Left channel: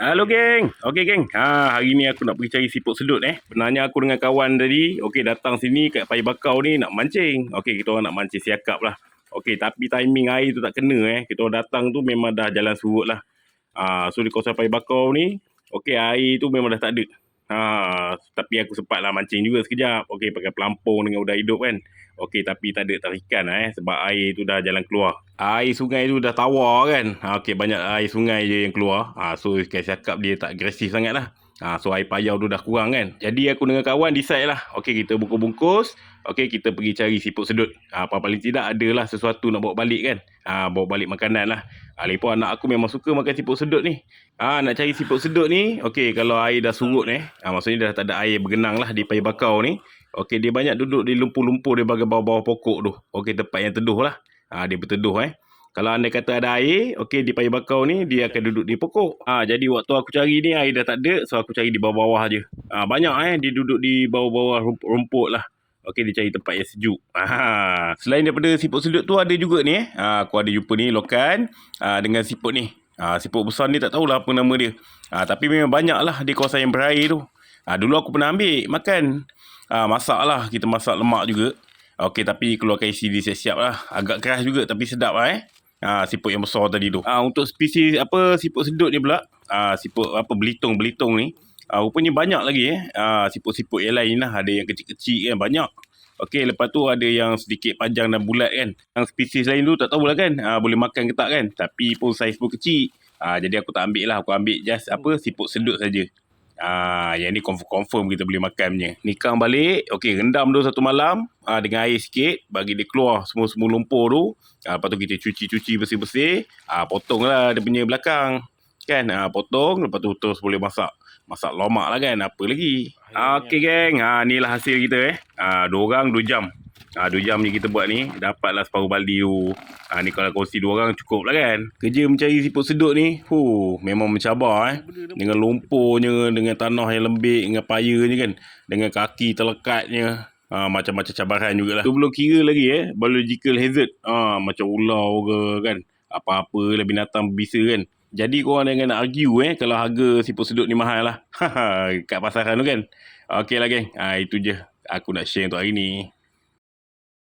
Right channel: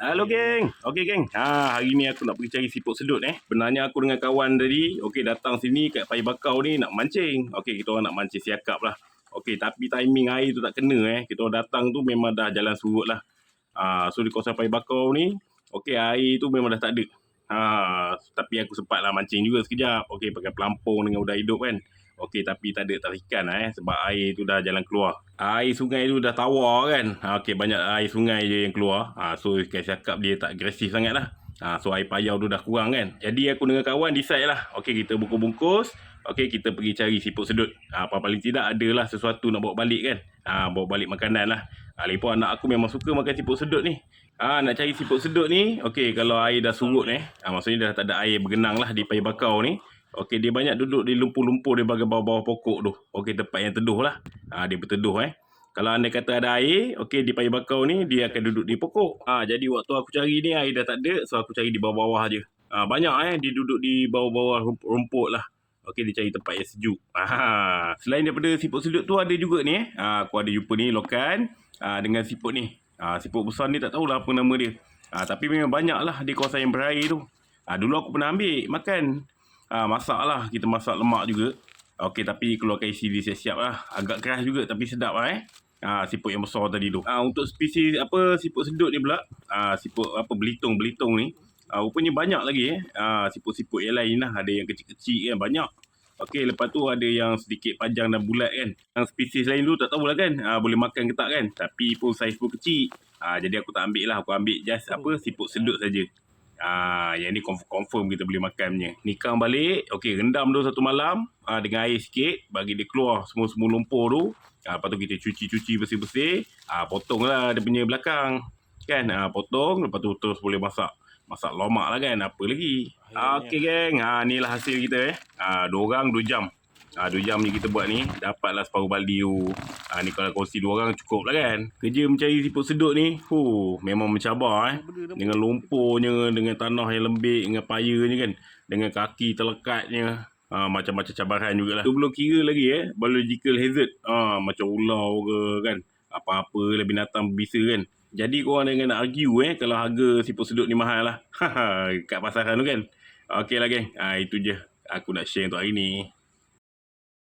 Halo geng. Okey geng. Hari ni aku nak pergi cari siput sedut Benarnya aku dengan kawan tadi datang sini kat Paya Bakau ni nak mancing. Kita orang nak mancing siakap lah. Tapi timing air tu tak kena Kita orang datang tu memang dah jalan surut lah. So di kawasan Paya Bakau ni air tu memang dah tak ada. Tapi aku sempat lah mancing juga sekejap. Pakai pelampung dengan udang hidup kan. Tapi tak ada tarikan sebab air tu dah jalan keluar. Air sungai tu dah tawar kan. Banyak air sungai je yang keluar. So ikan siakap dia tak agresif sangat lah. So air payau tu dah kurang kan. Jadi aku dengan kawan decide lah. Kita bungkus-bungkus. Kita pergi cari siput sedut. Paling tidak adalah sesuatu nak bawa balik kan. Bawa balik makanan lah. Lagipun anak aku memang suka makan siput sedut ni. Nak cari siput sedut ni. Kalau air dah surut maksudnya dah tak ada air bergenang lah di Paya Bakau ni. Dia banyak duduk di lumpur-lumpur di bahagian bawah-bawah pokok tu. Tempat yang teduh lah. Dia berteduh Kalau anda kata ada air, di Paya Bakau ni dia akan duduk di pokok. Jadi waktu aku cari ni air dah tak ada, so aku cari di bawah-bawah je. Banyak dia duduk di bawah-bawah rumput lah. Dia cari tempat yang sejuk. Selain daripada siput sedut tu ada juga ni aku ada jumpa ni lokan dengan siput ni. Siput besar ni tak tahulah apa nama dia. Tapi memang banyak lah di kawasan yang berair tu. Dulu aku pernah ambil makan. Masak lah, kita masak lemak juga. Tapi keluarkan isi dia siap-siap lah. Agak keras juga tapi sedap lah siput yang besar tadi tu. Untuk spesies siput sedut ni pula, siput belitung ni, rupanya banyak lagi siput-siput yang lain lah. Ada yang kecil-kecil kan, banyak. Lepas tu ada yang sedikit panjang dan bulat kan. Yang spesies lain tu tak tahulah kan, boleh makan ke tak kan. Tapi pun saiz pun kecil. Jadi aku tak ambil lah. Aku ambil just siput sedut saja. Yang ni confirm kita boleh makan punya. Nikang balik, rendam tu satu malam dengan air sikit, bagi dia keluar semua lumpur tu. Lepas tu kita cuci bersih-bersih. Potong lah dia punya belakang kan. Potong, lepas tu terus boleh masak lomak lah kan. Apa lagi. Geng, ni lah hasil kita 2 orang 2 jam. 2 jam ni kita buat ni, dapatlah separuh baldi tu. Ni kalau kongsi 2 orang cukup lah kan. Kerja mencari siput sedut ni memang mencabar dengan lumpurnya, dengan tanah yang lembik, dengan payanya kan, dengan kaki terlekatnya. Macam-macam cabaran jugalah. Tu belum kira lagi biological hazard. Macam ular ke kan, apa-apa lah binatang berbisa kan. Jadi korang jangan nak argue kalau harga siput sedut ni mahal lah. Kat pasaran tu kan. Okey lah geng, itu je aku nak share untuk hari ni.